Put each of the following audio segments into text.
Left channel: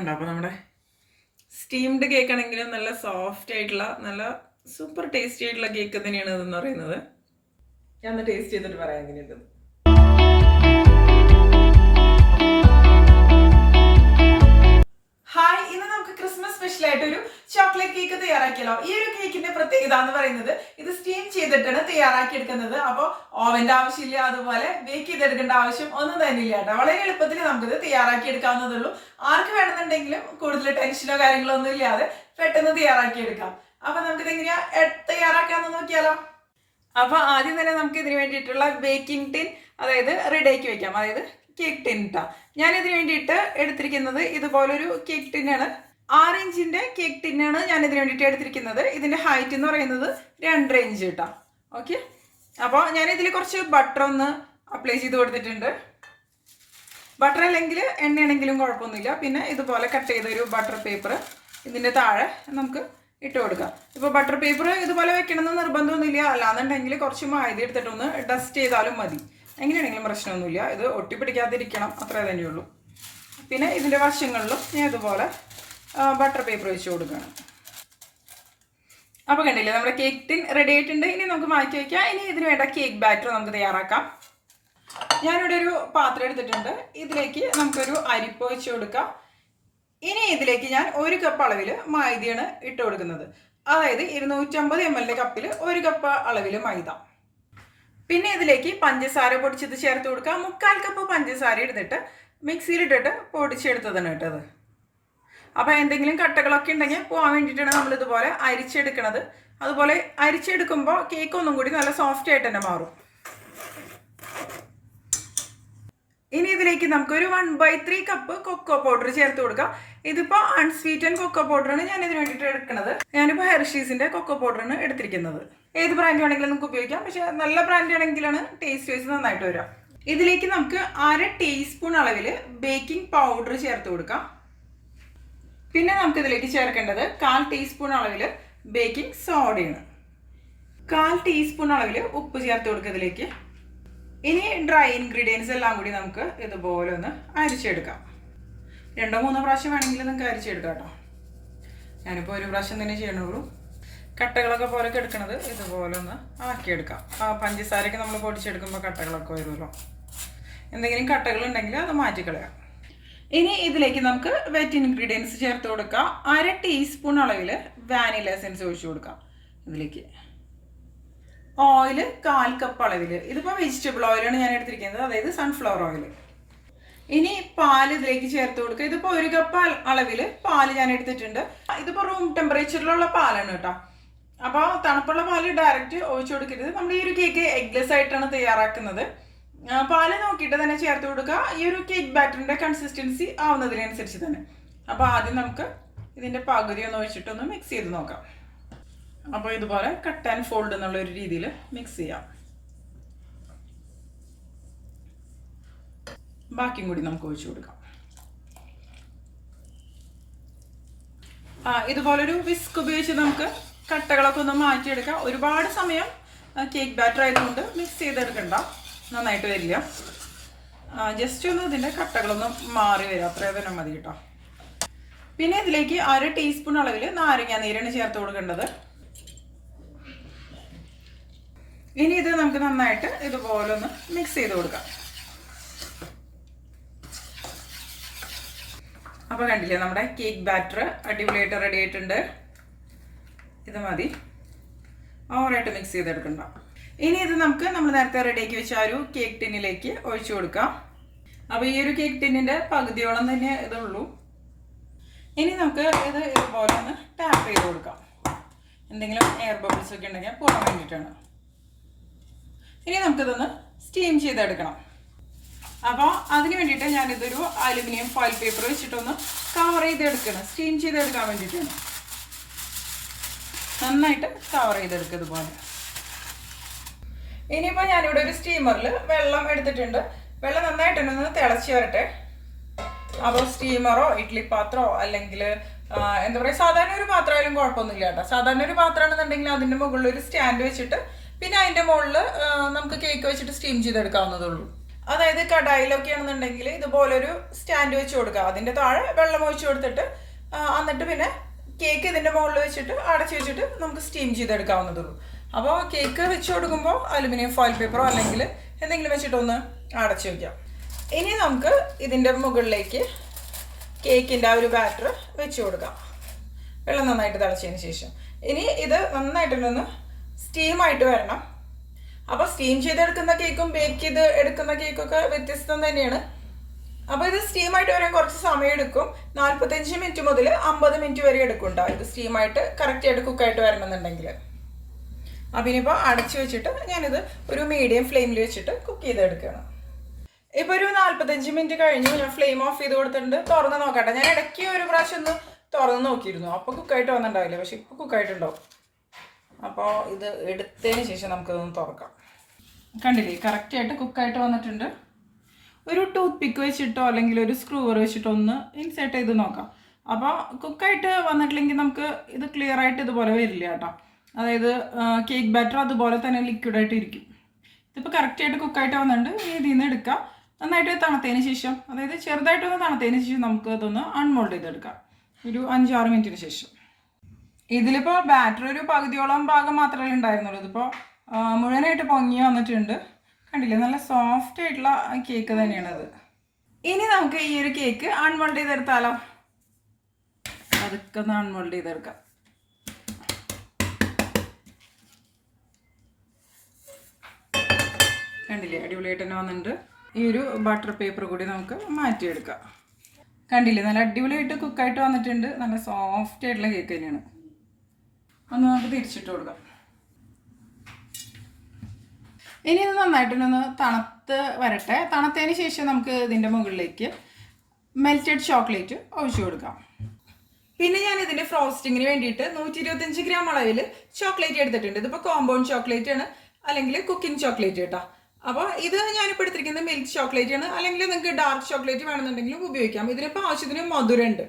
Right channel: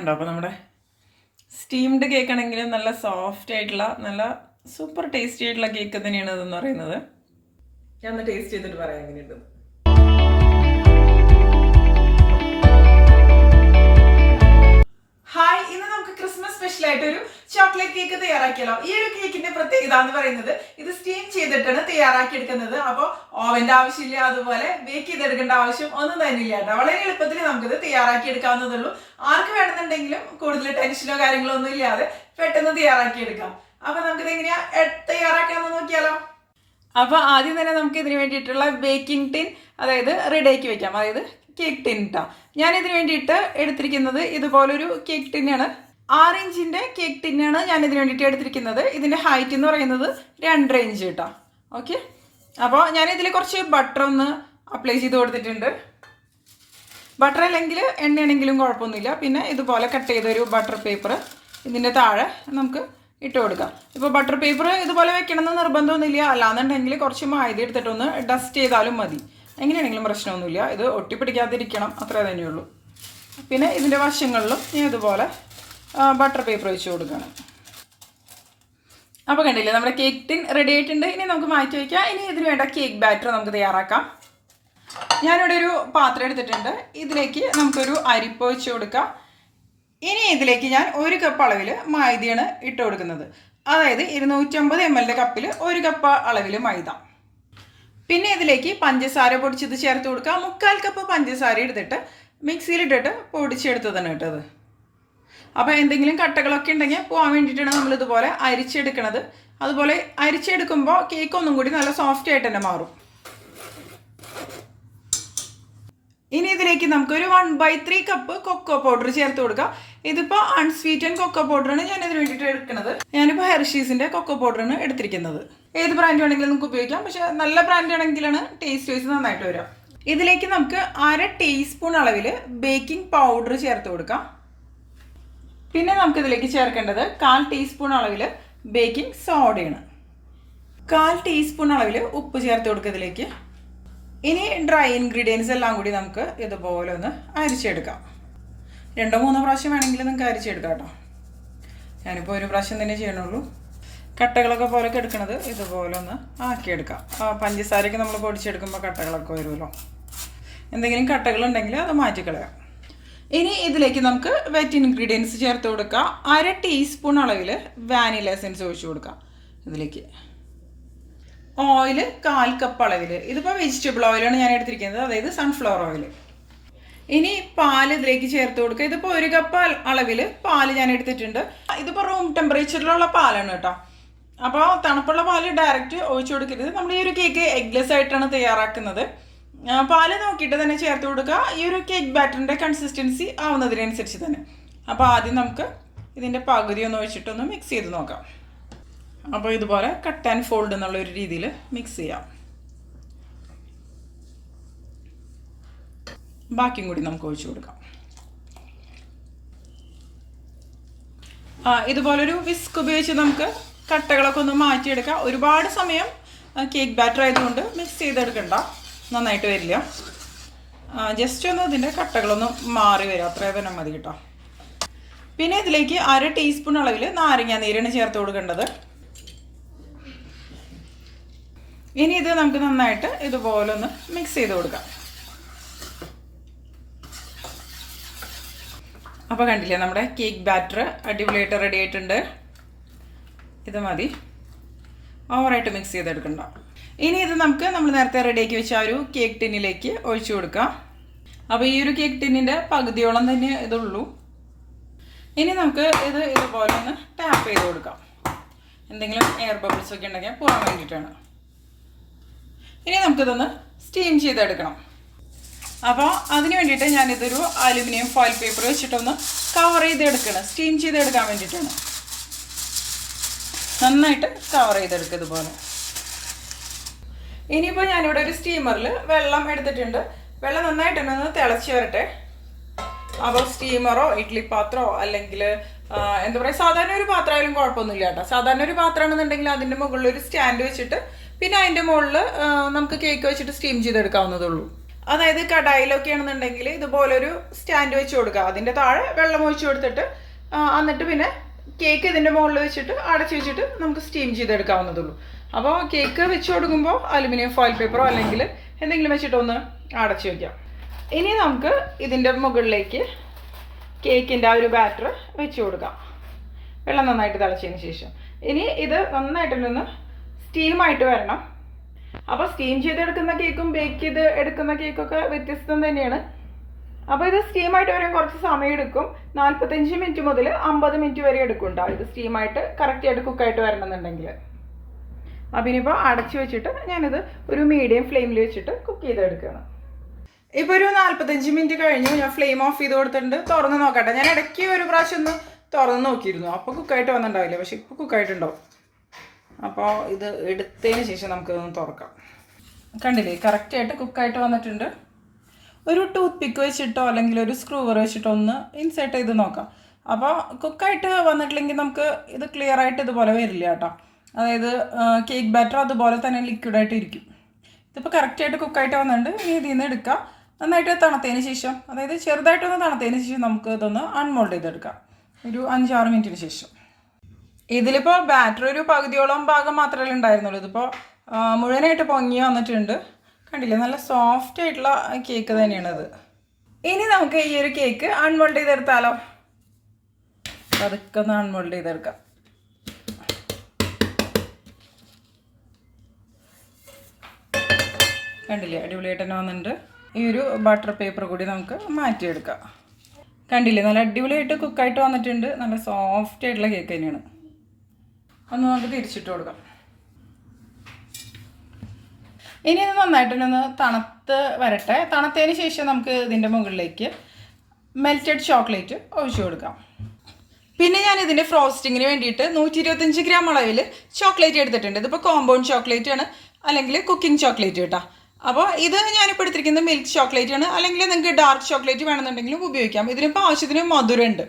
കണ്ടോ? അപ്പോൾ നമ്മുടെ സ്റ്റീംഡ് കേക്ക് ആണെങ്കിലും നല്ല സോഫ്റ്റ് ആയിട്ടുള്ള നല്ല സൂപ്പർ ടേസ്റ്റി ആയിട്ടുള്ള കേക്ക് തന്നെയാണ് ഇതെന്ന് പറയുന്നത്. ഞാൻ ഒന്ന് ടേസ്റ്റ് ചെയ്തിട്ട് പറയാം എങ്ങനെയുണ്ടെന്ന്. ഹായ്, ഇന്ന് നമുക്ക് ക്രിസ്മസ് സ്പെഷ്യൽ ആയിട്ട് ഒരു ചോക്ലേറ്റ് കേക്ക് തയ്യാറാക്കിയല്ലോ. ഈ ഒരു കേക്കിന്റെ പ്രത്യേകത എന്ന് പറയുന്നത് ഇത് സ്റ്റീം ചെയ്തിട്ടാണ് തയ്യാറാക്കി എടുക്കുന്നത്. അപ്പോൾ ഓവന്റെ ആവശ്യമില്ല, അതുപോലെ ബേക്ക് ചെയ്തെടുക്കേണ്ട ആവശ്യം ഒന്നും തന്നെ ഇല്ല കേട്ടോ. വളരെ എളുപ്പത്തിൽ നമുക്കിത് തയ്യാറാക്കി എടുക്കാവുന്നതേ ഉള്ളൂ. ആർക്ക് വേണമെന്നുണ്ടെങ്കിലും കൂടുതൽ ടെൻഷനോ കാര്യങ്ങളോ ഒന്നും ഇല്ലാതെ പെട്ടെന്ന് തയ്യാറാക്കി എടുക്കാം. അപ്പൊ നമുക്കിത് എങ്ങനെയാ തയ്യാറാക്കാന്ന് നോക്കിയാലോ. അപ്പൊ ആദ്യം തന്നെ നമുക്ക് ഇതിന് വേണ്ടിയിട്ടുള്ള ബേക്കിംഗ് ടിൻ അതായത് റെഡിയാക്കി വെക്കാം. അതായത് കേക്ക് ടിൻ ഇട്ടാ ഞാൻ ഇതിന് വേണ്ടിയിട്ട് എടുത്തിരിക്കുന്നത് ഇതുപോലൊരു കേക്ക് ടിന്നാണ്. 6 ഇഞ്ചിന്റെ കേക്ക് ടിന്നാണ് ഞാൻ ഇതിന് വേണ്ടിയിട്ട് എടുത്തിരിക്കുന്നത്. ഇതിന്റെ ഹൈറ്റ് എന്ന് പറയുന്നത് 2.5 ഇഞ്ച് കേട്ടോ. ഓക്കെ, അപ്പോൾ ഞാൻ ഇതിൽ കുറച്ച് ബട്ടർ ഒന്ന് അപ്ലൈ ചെയ്ത് കൊടുത്തിട്ടുണ്ട്. ബട്ടർ അല്ലെങ്കിൽ എണ്ണയാണെങ്കിലും കുഴപ്പമൊന്നുമില്ല. പിന്നെ ഇതുപോലെ കട്ട് ചെയ്തൊരു ബട്ടർ പേപ്പർ ഇതിൻ്റെ താഴെ നമുക്ക് ഇട്ട് കൊടുക്കാം. ഇപ്പോൾ ബട്ടർ പേപ്പർ ഇതുപോലെ വെക്കണമെന്ന് നിർബന്ധമൊന്നുമില്ല. അല്ലാന്നുണ്ടെങ്കിൽ കുറച്ച് മൈദ എടുത്തിട്ടൊന്ന് ഡസ്റ്റ് ചെയ്താലും മതി. എങ്ങനെയാണെങ്കിലും പ്രശ്നമൊന്നുമില്ല. ഇത് ഒട്ടിപ്പിടിക്കാതിരിക്കണം, അത്രേ തന്നെയുള്ളൂ. പിന്നെ ഇതിൻ്റെ വശങ്ങളിലും ഞാൻ ഇതുപോലെ ബട്ടർ പേപ്പർ വെച്ച് കൊടുക്കുകയാണ്. അപ്പോൾ കണ്ടില്ലേ, നമ്മുടെ കേക്ക് ടിൻ റെഡി ആയിട്ടുണ്ട്. ഇനി നമുക്ക് മാറ്റി വയ്ക്കാം. ഇനി ഇതിന് വേണ്ട കേക്ക് ബാറ്റർ നമുക്ക് തയ്യാറാക്കാം. ഞാനിവിടെ ഒരു പാത്രം എടുത്തിട്ടുണ്ട്. ഇതിലേക്ക് നമുക്കൊരു അരിപ്പ വെച്ച് കൊടുക്കാം. ഇനി ഇതിലേക്ക് ഞാൻ 1 കപ്പ് അളവിൽ മൈദയാണ് ഇട്ട് കൊടുക്കുന്നത്. അതായത് 250 ml കപ്പിൽ 1 കപ്പ് അളവിൽ മൈദ. പിന്നെ ഇതിലേക്ക് പഞ്ചസാര പൊടിച്ചത് ചേർത്ത് കൊടുക്കുക. 3/4 കപ്പ് പഞ്ചസാര എടുത്തിട്ട് മിക്സിയിലിട്ടിട്ട് പൊടിച്ചെടുത്തതാണ് കേട്ടത്. അപ്പോൾ എന്തെങ്കിലും കട്ടകളൊക്കെ ഉണ്ടെങ്കിൽ പോകാൻ വേണ്ടിയിട്ടാണ് നമ്മളിതുപോലെ അരിച്ചെടുക്കുന്നത്. അതുപോലെ അരിച്ചെടുക്കുമ്പോൾ കേക്ക് ഒന്നും കൂടി നല്ല സോഫ്റ്റ് ആയിട്ട് തന്നെ മാറും. ഇനി ഇതിലേക്ക് നമുക്കൊരു 1/3 കപ്പ് കൊക്കോ പൗഡർ ചേർത്ത് കൊടുക്കാം. ഇതിപ്പോൾ അൺസ്വീറ്റൻ കൊക്കോ പൗഡറാണ് ഞാൻ ഇതിന് വേണ്ടിയിട്ട് എടുക്കുന്നത്. ഞാനിപ്പോൾ ഹെർഷീസിൻ്റെ കൊക്കോ പൗഡറാണ് എടുത്തിരിക്കുന്നത്. ഏത് ബ്രാൻഡ് വേണമെങ്കിലും നമുക്ക് ഉപയോഗിക്കാം. പക്ഷേ നല്ല ബ്രാൻഡ് ആണെങ്കിലാണ് ടേസ്റ്റ് വൈസ് നന്നായിട്ട് വരിക. ഇതിലേക്ക് നമുക്ക് 1/2 ടീസ്പൂൺ അളവിൽ ബേക്കിംഗ് പൗഡർ ചേർത്ത് കൊടുക്കാം. പിന്നെ നമുക്കിതിലേക്ക് ചേർക്കേണ്ടത് 1/4 ടീസ്പൂൺ അളവിൽ ബേക്കിംഗ് സോഡയാണ്. 1/4 ടീസ്പൂൺ അളവിൽ ഉപ്പ് ചേർത്ത് കൊടുക്കുക ഇതിലേക്ക്. ഇനി ഡ്രൈ ഇൻഗ്രീഡിയൻസ് എല്ലാം കൂടി നമുക്ക് ഇതുപോലെ ഒന്ന് അരിച്ചെടുക്കാം. 2-3 പ്രാവശ്യം വേണമെങ്കിൽ നമുക്ക് അരിച്ചെടുക്കാം കേട്ടോ. ഞാനിപ്പോൾ 1 പ്രാവശ്യം തന്നെ ചെയ്യണുള്ളൂ. കട്ടകളൊക്കെ പോലൊക്കെ എടുക്കണത് ഇതുപോലെ ഒന്ന് ആക്കിയെടുക്കാം. പഞ്ചസാരയ്ക്ക് നമ്മൾ പൊടിച്ചെടുക്കുമ്പോൾ കട്ടകളൊക്കെ വരുമല്ലോ. എന്തെങ്കിലും കട്ടകളുണ്ടെങ്കിൽ അത് മാറ്റിക്കളയാം. ഇനി ഇതിലേക്ക് നമുക്ക് വെറ്റ് ഇൻഗ്രീഡിയൻസ് ചേർത്ത് കൊടുക്കാം. 1/2 ടീസ്പൂൺ അളവിൽ വാനില എസൻസ് ഒഴിച്ചു കൊടുക്കാം. ഇതിലേക്ക് ഓയിൽ 1/4 കപ്പ് അളവിൽ. ഇതിപ്പോൾ വെജിറ്റബിൾ ഓയിലാണ് ഞാൻ എടുത്തിരിക്കുന്നത്, അതായത് സൺഫ്ലവർ ഓയിൽ. ഇനി പാൽ ഇതിലേക്ക് ചേർത്ത് കൊടുക്കുക. ഇതിപ്പോൾ 1 കപ്പ് അളവിൽ പാല് ഞാൻ എടുത്തിട്ടുണ്ട്. ഇതിപ്പോൾ റൂം ടെമ്പറേച്ചറിലുള്ള പാലാണ് കേട്ടോ. അപ്പോൾ തണുപ്പുള്ള പാല് ഡയറക്റ്റ് ഒഴിച്ചു കൊടുക്കരുത്. നമ്മൾ ഈ ഒരു കേക്ക് എഗ്ലെസ് ആയിട്ടാണ് തയ്യാറാക്കുന്നത്. പാല് നോക്കിയിട്ട് തന്നെ ചേർത്ത് കൊടുക്കുക. ഈ ഒരു കേക്ക് ബാറ്ററിൻ്റെ കൺസിസ്റ്റൻസി ആവുന്നതിനനുസരിച്ച് തന്നെ. അപ്പോൾ ആദ്യം നമുക്ക് ഇതിൻ്റെ പകുതി ഒന്ന് ഒഴിച്ചിട്ടൊന്ന് മിക്സ് ചെയ്ത് നോക്കാം. അപ്പോൾ ഇതുപോലെ കട്ട് ആൻഡ് ഫോൾഡ് എന്നുള്ള ഒരു രീതിയിൽ മിക്സ് ചെയ്യാം. ബാക്കിയും കൂടി നമുക്ക് ഒഴിച്ചു കൊടുക്കാം. ഇതുപോലൊരു വിസ്ക് ഉപയോഗിച്ച് നമുക്ക് കട്ടകളൊക്കെ ഒന്ന് മാറ്റിയെടുക്കാം. ഒരുപാട് സമയം കേക്ക് ബാറ്റർ ആയതുകൊണ്ട് മിക്സ് ചെയ്തെടുക്കണ്ട, നന്നായിട്ട് വരില്ല. ജസ്റ്റ് ഒന്ന് ഇതിൻ്റെ കട്ടകളൊന്ന് മാറി വരും, അത്രയും തന്നെ മതി കേട്ടോ. പിന്നെ ഇതിലേക്ക് 1/2 ടീസ്പൂൺ അളവിൽ നാരങ്ങ നീരാണ് ചേർത്ത് കൊടുക്കേണ്ടത്. ഇനി ഇത് നമുക്ക് നന്നായിട്ട് ഇതുപോലെ ഒന്ന് മിക്സ് ചെയ്ത് കൊടുക്കാം. അപ്പോൾ കണ്ടില്ലേ, നമ്മുടെ കേക്ക് ബാറ്റർ അടിപൊളിയായിട്ട് റെഡി ആയിട്ടുണ്ട്. ഇത് മതി, ഓവറായിട്ട് മിക്സ് ചെയ്തെടുക്കണ്ട. ഇനി ഇത് നമ്മൾ നേരത്തെ റെഡിയാക്കി വെച്ച ആ ഒരു കേക്ക് ടിന്നിലേക്ക് ഒഴിച്ചു കൊടുക്കാം. അപ്പോൾ ഈ ഒരു കേക്ക് ടിന്നിൻ്റെ പകുതിയോളം തന്നെ ഇതുള്ളൂ. ഇനി നമുക്ക് ഇത് ഇതുപോലെ ഒന്ന് ടാപ്പ് ചെയ്ത് കൊടുക്കാം. എന്തെങ്കിലും എയർ ബബിൾസ് ഒക്കെ ഉണ്ടെങ്കിൽ പോകാൻ വേണ്ടിയിട്ടാണ്. ഇനി നമുക്കിതൊന്ന് സ്റ്റീം ചെയ്തെടുക്കണം. അപ്പോൾ അതിന് വേണ്ടിയിട്ട് ഞാനിതൊരു അലുമിനിയം ഫോയിൽ പേപ്പർ വെച്ചിട്ടൊന്ന് കവർ ചെയ്തെടുക്കണം. സ്റ്റീം ചെയ്തെടുക്കാൻ വേണ്ടിയിട്ടാണ്. നന്നായിട്ട് കവർ ചെയ്തെടുക്കുക ഇതുപോലെ. ഇനിയിപ്പോൾ ഞാനിവിടെ ഒരു സ്റ്റീമറിൽ വെള്ളം എടുത്തിട്ടുണ്ട്. വെള്ളം നന്നായിട്ടൊന്ന് തിളച്ച് വരട്ടെ. അപ്പോൾ സ്റ്റീമറോ ഇഡ്ഡലി പാത്രമോ അല്ലെങ്കിൽ എന്താ പറയുക, സാധാരണ ഒരു പാത്രമായാലും കുഴപ്പമൊന്നുമില്ല കേട്ടോ. സാധാരണ ഒരു പാത്രമാണെന്നുണ്ടെങ്കിൽ അതിൻ്റെ മുകളിൽ ഒരു സ്റ്റാൻഡ് വെച്ചിട്ട് പിന്നെ അതിൻ്റെ മുകളിൽ നമുക്ക് കേക്ക് വെച്ചിട്ട് സ്റ്റീം ചെയ്തെടുക്കാവുന്നതേ ഉള്ളൂ. അതായത് കടായിലൊക്കെ ആണെന്നുണ്ടെങ്കിൽ ഇതുപോലൊരു സ്റ്റാൻഡ് വെച്ച് കൊടുക്കുക. അതിൻ്റെ താഴെ വെള്ളം ഒഴിച്ച് കൊടുത്തിട്ട് എന്നിട്ട് പിന്നെ കേക്ക് ഇതിൻ്റെ മുകളിൽ വെച്ചിട്ട് അടച്ചു വെച്ചിട്ട് നമുക്ക് സ്റ്റീം ചെയ്തെടുക്കാവുന്നതുള്ളൂ. അപ്പോൾ കേക്ക് വെച്ച് കൊടുക്കുമ്പോൾ അലുമിനിയം ഫോയിൽ പേപ്പറോ അല്ലെങ്കിൽ എന്തെങ്കിലും വെച്ചിട്ടൊന്ന് അടച്ചു വയ്ക്കാം. ഇനി നമുക്ക് ഇതിൻ്റെ മുകളിലേക്ക് കേക്കിൻ്റെ ആ ഒരു ബാറ്റർ വെച്ച് കൊടുക്കാം, വെള്ളം നന്നായിട്ട് തിളച്ചതിന് ശേഷം. ഇനി ഇത് നന്നായിട്ടൊന്ന് സ്റ്റീമായിട്ട് വരണം. അപ്പോൾ സ്റ്റീം ചെയ്തെടുക്കുന്ന കേക്കും ബേക്ക് ചെയ്ത് എടുക്കുന്ന കേക്കൊക്കെ വ്യത്യസ്തം തന്നെയാണ്. അപ്പോൾ ഇത് സ്റ്റീമായിട്ട് വരാൻ കുറച്ച് സമയം എടുക്കും. 45 മിനിറ്റ് മുതൽ 50 മിനിറ്റ് വരെ എടുക്കുന്നുണ്ടാവും ഇത് സ്റ്റീമായിട്ട് കറക്റ്റായിട്ട് കുക്കായിട്ട് വരണമെന്നുണ്ടെങ്കിൽ. അപ്പോൾ ഇനിയിപ്പോൾ അടച്ചു വെച്ചിട്ട് ഞാനിത് ഒരു മീഡിയം ഫ്ലെയിമിൽ വെച്ചിട്ട് കുക്ക് ചെയ്തെടുക്കണം. ഇപ്പോൾ ഒരു 45 മിനിറ്റ് കഴിഞ്ഞ് ഞാൻ ഫ്ലെയിം ഓഫ് ചെയ്ത് കൊടുത്തിട്ടുണ്ട്. തുറന്ന് നോക്കട്ടെ. ഞാൻ ഇടയ്ക്ക് ഒരു പ്രാവശ്യം ഒന്ന് തുറന്ന് നോക്കിയിരുന്നു, അപ്പോൾ കുക്കായിട്ട് വന്നിട്ടുണ്ടാവില്ല. പക്ഷെ ഇപ്പോൾ കുക്കായിട്ടുണ്ടാവും. അപ്പോൾ ഇത് എടുത്തതിന് ശേഷം നമുക്കിതൊന്ന് തുറക്കാം. കണ്ടില്ലേ, കറക്റ്റായിട്ട് കുക്കായിട്ട് വന്നിട്ടുണ്ട്. ഒരു ടൂത്ത് പിക്ക് വെച്ചിട്ടോ അല്ലെങ്കിൽ ഒരു സ്ക്രൂവർ വെച്ചിട്ടോ ഒന്ന് ഇൻസേർട്ട് ചെയ്ത് നോക്കാം. അപ്പോൾ കുക്കായിട്ട് വന്നിട്ടില്ലെങ്കിൽ നമുക്ക് ഇത് ക്ലിയർ ആയിട്ട് ഇതുപോലെ വരില്ല കേട്ടോ. അതായത് കേക്ക് ബാറ്റർ അതുപോലെ തന്നെ ലിക്വിഡായിട്ട് ഇരിക്കും. ഇതിപ്പോൾ കറക്റ്റായിട്ട് കുക്കായിട്ട് വന്നിട്ടുണ്ട്. ഇനി ഇതിൽ നിന്ന് എടുക്കാം. നന്നായിട്ട് തണുത്തതിന് ശേഷം, അതായത് ചെറുതായിട്ടൊന്ന് തണുത്തതിന് ശേഷം നമുക്ക് ഇതൊന്ന് അൺമോൾഡ് ചെയ്തെടുക്കാം ഒരു 5-6 മിനിറ്റിന് ശേഷം. ഇതിലിപ്പോൾ ബാറ്റർ ഒരു പകുതിയോളം ഭാഗം മാത്രമേ ഉണ്ടായിരുന്നുള്ളൂ. ഇതിപ്പോൾ മുഴുവനായിട്ട് പൊങ്ങി വന്നിട്ടുണ്ട്. കണ്ടില്ലേ, നല്ല സോഫ്റ്റ് ആയിട്ടുള്ള കേക്ക് തന്നെയാണത്. ഇനി നമുക്ക് ഈ ഒരു കേക്ക് അൺമോൾഡ് ചെയ്തെടുത്താലോ? അതൊക്കെ ഒന്ന് അൺമോൾഡ് ചെയ്തെടുക്കാം. കണ്ടില്ലേ, അടിപൊളിയായിട്ട് തന്നെ വന്നിട്ടുണ്ട്. ഈ ഒരു ബട്ടർ പേപ്പർ കൂടി നമുക്ക് മാറ്റിയെടുക്കാം. കണ്ടില്ലേ, നല്ല അടിപൊളിയായിട്ട് കുക്കായിട്ട് വന്നിട്ടുണ്ട്. നല്ല സോഫ്റ്റ് ആയിട്ടുള്ള കേക്ക് തന്നെയാണ്. ഒന്ന് നമുക്ക് തിരിച്ചിട്ട് കൊടുക്കാം. ഇനി ഇത് നന്നായിട്ടൊന്ന് തണുത്ത് വരട്ടെ. തണുത്തതിന് ശേഷം നമുക്ക് ഇതിൻ്റെ മുകളിലേക്ക് മെൽറ്റഡ് ചോക്ലേറ്റ് ഒഴിച്ചു കൊടുക്കാം. പിന്നെ ഞാൻ ഇതിൻ്റെ ഫ്രോസ്റ്റിങ്ങിന് വേണ്ടിയിട്ട് 125 ഗ്രാം അളവിൽ ചോക്ലേറ്റ് എടുത്തിട്ടുണ്ട്. ഇതിപ്പോൾ കോമ്പൗണ്ട് ചോക്ലേറ്റ് ആണ് അല്ലെങ്കിൽ കുക്കിംഗ് ചോക്ലേറ്റ് കേട്ടോ. അപ്പോൾ ഇത് ഞാനിപ്പോൾ എടുത്തിരിക്കുന്നത് മിൽക്ക് ചോക്ലേറ്റ് ആണ്. അല്ലെങ്കിൽ നിങ്ങൾക്ക് ഡാർക്ക് ചോക്ലേറ്റ് വേണമെന്നുണ്ടെങ്കിലും ഉപയോഗിക്കാം. ഇതിനിപ്പോൾ ആവശ്യത്തിന് മധുരമുണ്ട്.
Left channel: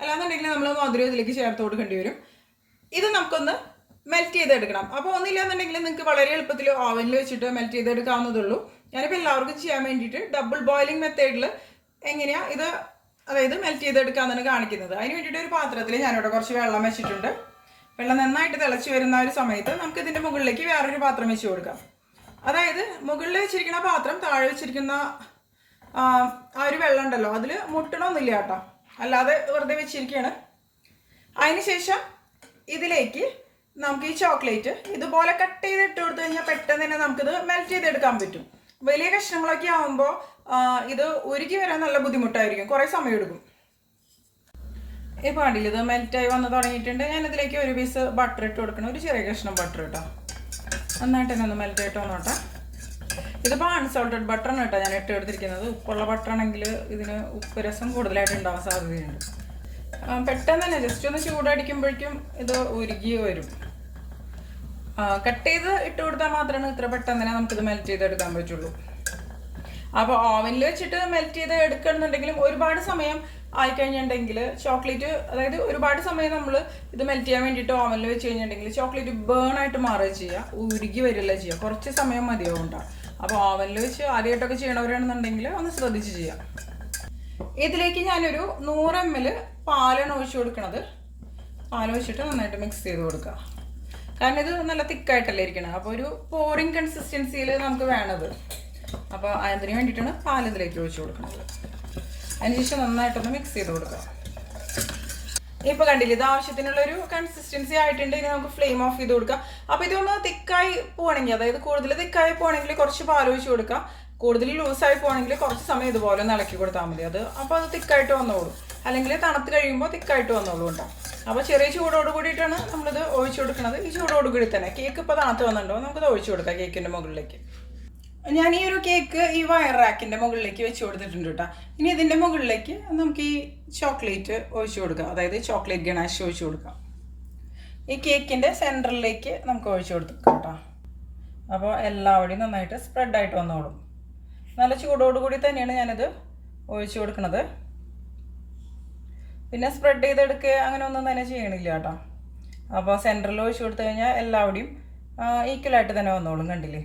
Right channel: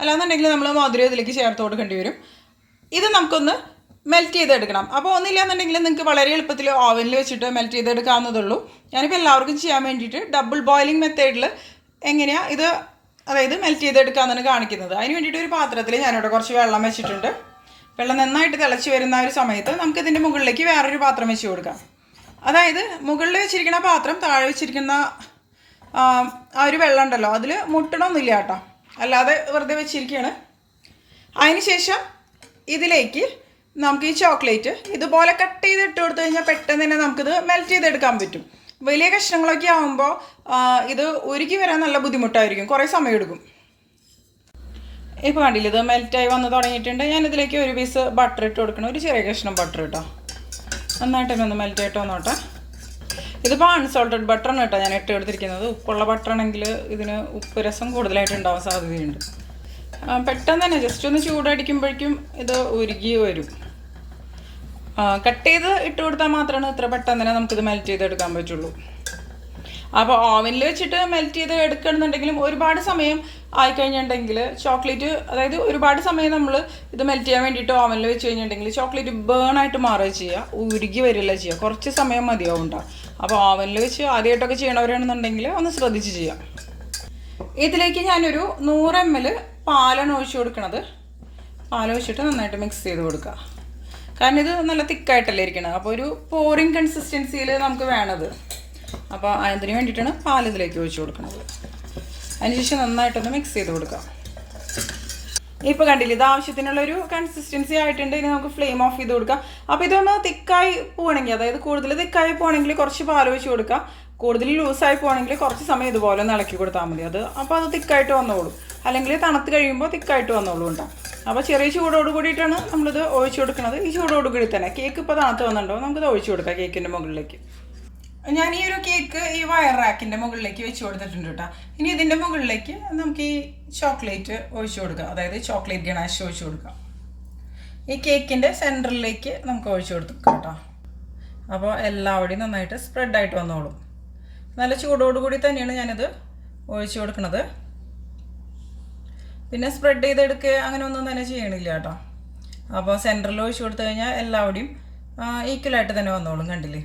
അല്ലാന്നുണ്ടെങ്കിൽ നമ്മൾ മധുരം ഇതിലേക്ക് ചേർത്ത് കൊടുക്കേണ്ടി വരും. ഇത് നമുക്കൊന്ന് മെൽറ്റ് ചെയ്തെടുക്കണം. അപ്പോൾ ഒന്നില്ലാന്നുണ്ടെങ്കിൽ നിങ്ങൾക്ക് വളരെ എളുപ്പത്തിൽ ഓവനിൽ വെച്ചിട്ട് മെൽറ്റ് ചെയ്തെടുക്കാവുന്നതുള്ളൂ. ഞാനിപ്പോൾ എല്ലാവർക്കും ചെയ്യാൻ വേണ്ടിയിട്ട് ഡബിൾ ബോയിലിംഗ് മെത്തേഡിൽ എങ്ങനെയാണ് ഇത്, അതായത് മെൽറ്റ് ചെയ്തെടുക്കാമെന്നാണ് കാണിക്കുന്നത്. അതിന് വേണ്ടിയിട്ട് ഒരു പാത്രത്തിൽ ഞാനിവിടെ കുറച്ച് വെള്ളം വെച്ചിട്ടുണ്ട്. വെള്ളം നന്നായിട്ട് തിളച്ച് വരുന്ന ഒരു സമയത്ത് നമുക്കിതിൻ്റെ മുകളിലേക്ക് വേറൊരു പാത്രം വെച്ച് കൊടുക്കാം. അതായത് മുകളിൽ വെച്ചിരിക്കുന്ന പാത്രം താഴെ വെച്ചിരിക്കുന്ന ആ ഒരു വെള്ളം ഉണ്ടല്ലോ, അതിൽ മുട്ടണമൊന്നുമില്ല കേട്ടോ, അല്ലാതെ വെറുതെ വെച്ചിരിക്കുകയാണ്. അതിന് ശേഷം ഇതിലേക്ക് നമുക്ക് ഈ ചോക്ലേറ്റ് ഇതുപോലെ കട്ട് ചെയ്ത് ഇട്ട് കൊടുത്തു കഴിഞ്ഞാൽ പെട്ടെന്ന് തന്നെ നമുക്കിത് മെൽറ്റ് ചെയ്തെടുക്കാൻ പറ്റും. വലിയ കഷ്ണങ്ങളൊക്കെ ആകുമ്പോൾ ഇത് ഉരുക്കി വരാൻ നല്ല ബുദ്ധിമുട്ടായിരിക്കും, കുറേ സമയം എടുക്കും. ഇപ്പോൾ കണ്ടില്ല, ഇത് മെൽറ്റായി വന്ന് തുടങ്ങിയിട്ടുണ്ട്. ഞാനിതിലേക്ക് ഒരു പീസ് ബട്ടർ ഇട്ട് കൊടുക്കണം, ഒരു ചെറിയ കഷ്ണം ബട്ടർ കേട്ടോ. നന്നായിട്ട് തന്നെ ഒന്ന് മെൽറ്റായിട്ട് വന്നോട്ടെ. ഇതിപ്പോൾ അൺസോൾട്ടഡ് ബട്ടറാണ് കേട്ടോ ഞാൻ ഇട്ട് എടുത്തിരിക്കുന്നത്. ഉപ്പുള്ള ബട്ടറാണെങ്കിൽ ഇതിന് ഉപ്പ് രസം കൂടുതലായിട്ട് ഉണ്ടാവാൻ സാധ്യതയുണ്ട്. പെട്ടെന്ന് തന്നെ ജസ്റ്റ് ഒന്ന് ചൂടടിക്കുമ്പോഴേക്കും ഇത് ഉരുകി വരും. കട്ട് ചെയ്ത് ഇട്ട് കൊടുത്താൽ മാത്രമാണ് ഇത്ര പെട്ടെന്ന് തന്നെ നമുക്കിത് മെൽറ്റ് ചെയ്തെടുക്കാൻ പറ്റുള്ളൂ. അപ്പോൾ ഓവനിൽ വെച്ചിട്ട് മെൽറ്റ് ചെയ്ത് എടുക്കണമെന്നുണ്ടെങ്കിലും ഒരുപാട് സമയം ആയിക്കഴിഞ്ഞിട്ടുണ്ടെങ്കിൽ ചോക്ലേറ്റ്, അതായത് ഒരുപാട് സമയം നമ്മൾ ഇത് മെൽറ്റ് ചെയ്യാൻ വേണ്ടിയിട്ട് ഓവനിൽ വെച്ച് കഴിഞ്ഞിട്ടുണ്ടെങ്കിൽ ചോക്ലേറ്റ് ബേൺ ആയിട്ട് മാറുക ചെയ്യുക, ഉരുകി വരില്ല ചെയ്യുക. കുറച്ച് സമയം മതിയാവും ഉണ്ടാവും. അപ്പോൾ ഓവനിൽ വെച്ച് ആദ്യമായിട്ടൊക്കെ ചെയ്യണവരാണെന്നുണ്ടെങ്കിൽ ഒന്ന് ശ്രദ്ധിച്ച് ചെയ്യാം. ഇതിലേക്ക് ഞാനൊരു 100 ml പാലാണ് ഒഴിച്ചു കൊടുക്കുന്നത്. പാലൊഴിച്ചിട്ട് നന്നായിട്ട് മിക്സ് ചെയ്ത് കൊടുക്കുക. കാരണം ഇത് നല്ല തിക്കായിട്ടല്ലേ ഇരിക്കണം. അപ്പോൾ ഒരു പോറിങ് കൺസിസ്റ്റൻസിയിൽ നമുക്ക് വേണത്. അപ്പോൾ അതിന് വേണ്ടിയിട്ടാണ് പാൽ ഇതിലേക്ക് ഒഴിച്ചു കൊടുക്കുന്നത്. അതിനുശേഷം നന്നായിട്ടൊന്ന് മിക്സ് ചെയ്ത് കൊടുക്കാം. ഇപ്പോൾ കണ്ടില്ല, ഇത് ആവശ്യത്തിനുള്ളൊരു കൺസിസ്റ്റൻസി ആയിട്ടുണ്ട്. ഇനി നമുക്ക് ഫ്ലെയിം ഓഫ് ചെയ്ത് കൊടുക്കാം. അപ്പോൾ ഇതൊന്ന് തിക്കായി പോകണമെങ്കിൽ, അതായത് കൂടുതൽ തിക്കായി പോകണമെങ്കിൽ കുറച്ച് പാൽ ഒഴിച്ച് കൊടുക്കാം. കൂടുതൽ ലൂസായി പോകണമെങ്കിൽ കുറച്ച് സമയം ഇതുപോലെ ഒന്ന് ഇളക്കി കൊടുത്താൽ മതി. അപ്പോൾ അത് തിക്കായിട്ട് വന്നോളൂ. അല്ലെങ്കിൽ തണുത്ത് കഴിയുമ്പോൾ തിക്കായിട്ട് വന്നോളൂ ഉണ്ടാവും. അപ്പോൾ ചെറിയ ചൂടോട് കൂടിയിട്ടാണ് നമ്മളിത് ഒഴിച്ചു കൊടുക്കുന്നത്. ഈ ചൂടോട് കൂടി തന്നെ കേക്ക് ഇപ്പോൾ തണുത്ത് വന്നിട്ടുണ്ടോ, നമുക്കിത് ഒഴിച്ചു കൊടുക്കാം കേക്കിൻ്റെ മുകളിലേക്ക്. ഞാൻ ഈ ഒരു കേക്ക് ഈ വയർ റാക്കിൻ്റെ മുകളിലേക്ക് വെച്ച് കൊടുത്തിട്ടുണ്ട് കേട്ടോ. ഇനി ഇതിൻ്റെ മുകളിലേക്ക് നമുക്ക് ഈ ചോക്ലേറ്റ് ഒഴിച്ചു കൊടുക്കാം, അതായത് ചോക്ലേറ്റ് ഗണാഷ് ഒഴിച്ചു കൊടുക്കാം. ഈ കേക്കിൻ്റെ സെൻറ്ററിലേക്ക് നമുക്ക് ഒഴിച്ചു കൊടുക്കാം കേട്ടോ. അപ്പോൾ എല്ലാവരുടെയും നന്നായിട്ട് സ്പ്രെഡായിട്ട് വന്നോളും. നല്ല ചൂടോടുകൂടി തന്നെയാണ് ഞാനിത് ഒഴിച്ചു കൊടുക്കുന്നത്. പിന്നെ സ്പ്രെഡ് ചെയ്തെടുക്കുക അങ്ങനെ ഒന്നും തന്നെ ചെയ്യണില്ല കേട്ടോ. അപ്പോൾ സെൻറ്ററിൽ ഒഴിച്ചു കൊടുത്തു കഴിഞ്ഞാൽ എല്ലാവരുടെയും ഈക്വലായിട്ട് തന്നെ വന്നോളും. കണ്ടില്ലേ,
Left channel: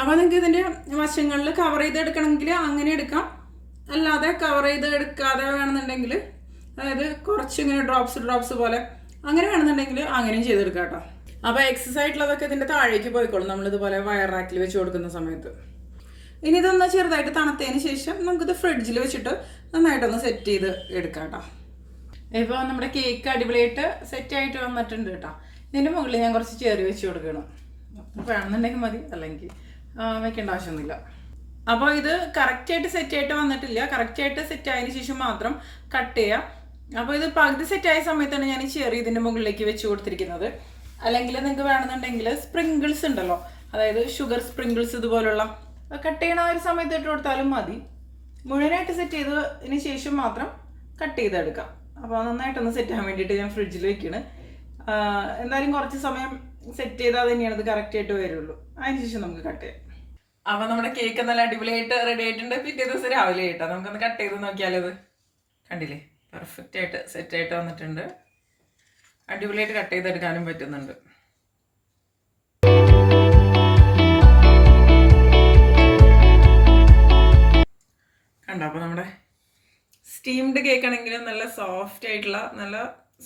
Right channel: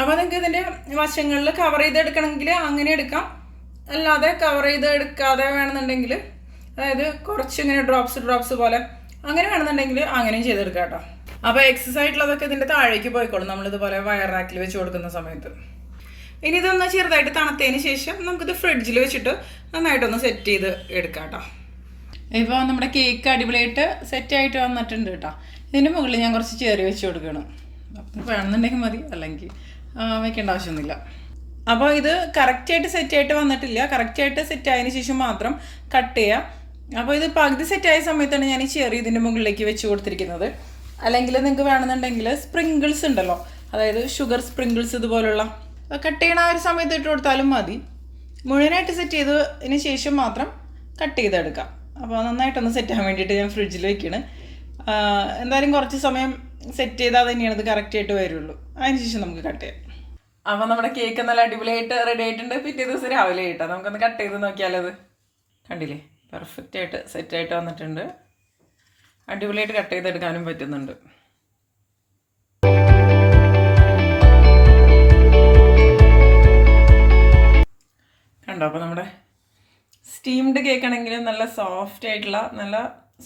അപ്പോൾ നിങ്ങൾക്ക് ഇതിൻ്റെ വശങ്ങളിൽ കവർ ചെയ്തെടുക്കണമെങ്കിൽ അങ്ങനെ എടുക്കാം, അല്ലാതെ കവർ ചെയ്ത് എടുക്കാതെ വേണമെന്നുണ്ടെങ്കിൽ, അതായത് കുറച്ച് ഇങ്ങനെ ഡ്രോപ്സ് പോലെ അങ്ങനെ വേണമെന്നുണ്ടെങ്കിൽ അങ്ങനെയും ചെയ്തെടുക്കാം കേട്ടോ. അപ്പോൾ എക്സസ് ആയിട്ടുള്ളതൊക്കെ ഇതിൻ്റെ താഴേക്ക് പോയിക്കോളും നമ്മളിതുപോലെ വയർ റാക്കിൽ വെച്ച് കൊടുക്കുന്ന സമയത്ത്. ഇനി ഇതൊന്ന് ചെറുതായിട്ട് തണുത്തതിന് ശേഷം നമുക്കിത് ഫ്രിഡ്ജിൽ വെച്ചിട്ട് നന്നായിട്ടൊന്ന് സെറ്റ് ചെയ്ത് എടുക്കാം കേട്ടോ. ഇപ്പോൾ നമ്മുടെ കേക്ക് അടിപൊളിയായിട്ട് സെറ്റായിട്ട് വന്നിട്ടുണ്ട് കേട്ടോ. ഇതിൻ്റെ മുകളിൽ ഞാൻ കുറച്ച് ചെറി വെച്ച് കൊടുക്കണം. അപ്പം വേണമെന്നുണ്ടെങ്കിൽ മതി, അല്ലെങ്കിൽ വെക്കേണ്ട ആവശ്യമൊന്നുമില്ല. അപ്പോൾ ഇത് കറക്റ്റായിട്ട് സെറ്റായിട്ട് വന്നിട്ടില്ല. കറക്റ്റായിട്ട് സെറ്റായതിന് ശേഷം മാത്രം കട്ട് ചെയ്യുക. അപ്പോൾ ഇത് പകുതി സെറ്റായ സമയത്താണ് ഞാൻ ഈ ചെറി ഇതിൻ്റെ മുകളിലേക്ക് വെച്ച് കൊടുത്തിരിക്കുന്നത്. അല്ലെങ്കിൽ നിങ്ങൾക്ക് വേണമെന്നുണ്ടെങ്കിൽ സ്പ്രിങ്കിൾസ് ഉണ്ടല്ലോ, അതായത് ഷുഗർ സ്പ്രിങ്കിൾസ് ഇതുപോലുള്ള കട്ട് ചെയ്യണ ആ ഒരു സമയത്ത് ഇട്ട് കൊടുത്താലും മതി. മുഴുവനായിട്ട് സെറ്റ് ചെയ്തതിന് ശേഷം മാത്രം കട്ട് ചെയ്തെടുക്കാം. അപ്പോൾ നന്നായിട്ടൊന്ന് സെറ്റ് ആകാൻ വേണ്ടിയിട്ട് ഞാൻ ഫ്രിഡ്ജിൽ വെക്കുകയാണ്. എന്തായാലും കുറച്ച് സമയം സെറ്റ് ചെയ്താൽ തന്നെയാണ് ഇത് കറക്റ്റായിട്ട് വരുള്ളൂ. അതിന് ശേഷം നമുക്ക് കട്ട് ചെയ്യാം. അപ്പോൾ നമ്മുടെ കേക്ക് നല്ല അടിപൊളിയായിട്ട് റെഡി ആയിട്ടുണ്ട്. പിറ്റേ ദിവസം രാവിലെ ആയിട്ടോ നമുക്കൊന്ന് കട്ട് ചെയ്ത് നോക്കിയാലത്. കണ്ടില്ലേ, പെർഫെക്റ്റായിട്ട് സെറ്റായിട്ട് വന്നിട്ടുണ്ട്. അടിപൊളിയായിട്ട് കട്ട് ചെയ്തെടുക്കാനും പറ്റുന്നുണ്ട്. കണ്ടോ, അപ്പോൾ നമ്മുടെ സ്റ്റീംഡ് കേക്ക് ആണെങ്കിലും നല്ല സോഫ്റ്റ് ആയിട്ടുള്ള നല്ല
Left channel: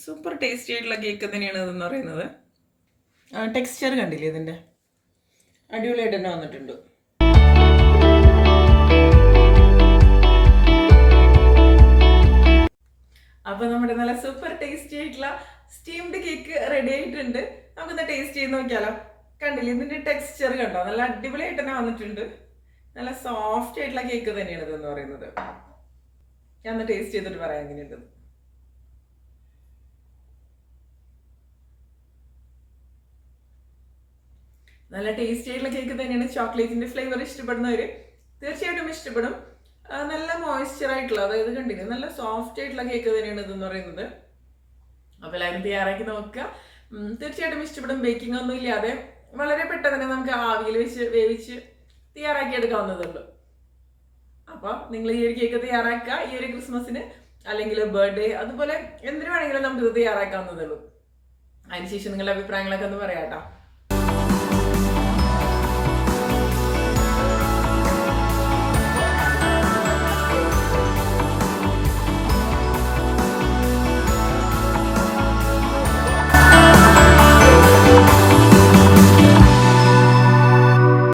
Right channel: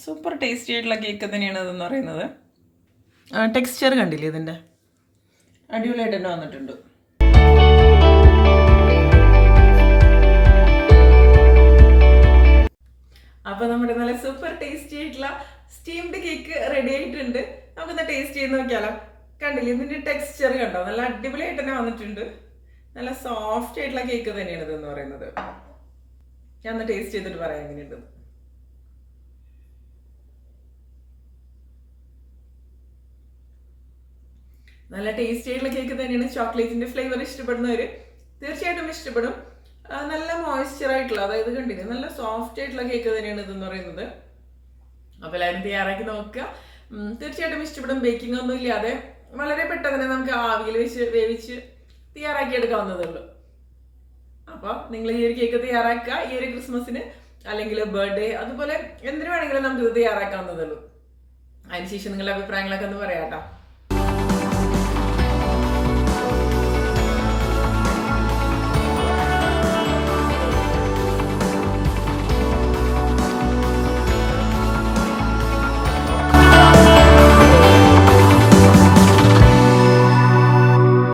സൂപ്പർ ടേസ്റ്റി ആയിട്ടുള്ള കേക്ക് തന്നെയാണ് ഇതെന്ന് പറയുന്നത്. ടെക്സ്ചർ കണ്ടില്ലേ ഇതിൻ്റെ, അടിപൊളിയായിട്ട് തന്നെ വന്നിട്ടുണ്ട്. അപ്പോൾ നമ്മുടെ നല്ല സൂപ്പർ ടേസ്റ്റി ആയിട്ടുള്ള സ്റ്റീംഡ് കേക്ക് റെഡി ആയിട്ടുണ്ട്. നമുക്കൊന്ന് ടേസ്റ്റ് ചെയ്ത് നോക്കിയാലോ. കണ്ടില്ലേ ഇതിൻ്റെ ടെക്സ്ചർ കണ്ടോ, നല്ല അടിപൊളിയായിട്ട് തന്നെ വന്നിട്ടുണ്ട്. നല്ല സോഫ്റ്റ് ആയിട്ടുള്ള കേക്ക് തന്നെയാണ് ഇതെന്ന് പറയുന്നത്. ഞാൻ ഒന്ന് ടേസ്റ്റ് ചെയ്തിട്ട് പറയാം എങ്ങനെയുണ്ട്. നല്ല ടേസ്റ്റി ആയിട്ടുള്ള കേക്ക് തന്നെയാണ്. ചോക്ലേറ്റിന്റെ ഫ്ലേവർ ഇഷ്ടപ്പെടുന്നവർ തീർച്ചയായിട്ടും ഇഷ്ടപ്പെടും. നല്ല മോയ്സ്ചർ ആയിട്ടുള്ള, അതായത് കണ്ടില്ലേ നല്ല സോഫ്റ്റ് ആയിട്ടുള്ള കേക്ക് തന്നെയാണ് ഇതെന്ന് പറയുന്നത്. അപ്പോൾ എല്ലാവരും തയ്യാറാക്കി നോക്കുക, തീർച്ചയായിട്ടും ഇഷ്ടപ്പെടും. ബേക്കിംഗ് ഒന്നും ഇല്ലാതെ വളരെ പെട്ടെന്ന് തന്നെ നമുക്ക് ആവിയിൽ വെച്ച് വേവിച്ച് തയ്യാറാക്കി എടുക്കാവുന്നതേ ഉള്ളൂ. അപ്പോൾ നിങ്ങൾ ഈ ഒരു കേക്ക് തയ്യാറാക്കുക ഈ ഒരു ക്രിസ്മസിന്, അല്ലെങ്കിൽ ബർത്ത്ഡേ, അതുപോലെ എന്തിനു വേണമെങ്കിലും നമുക്കിത് തയ്യാറാക്കാവുന്നതേ ഉള്ളൂ. അതിനുശേഷം നിങ്ങളുടെ അഭിപ്രായങ്ങളൊക്കെ ഒന്ന് പറയാം കേട്ടോ.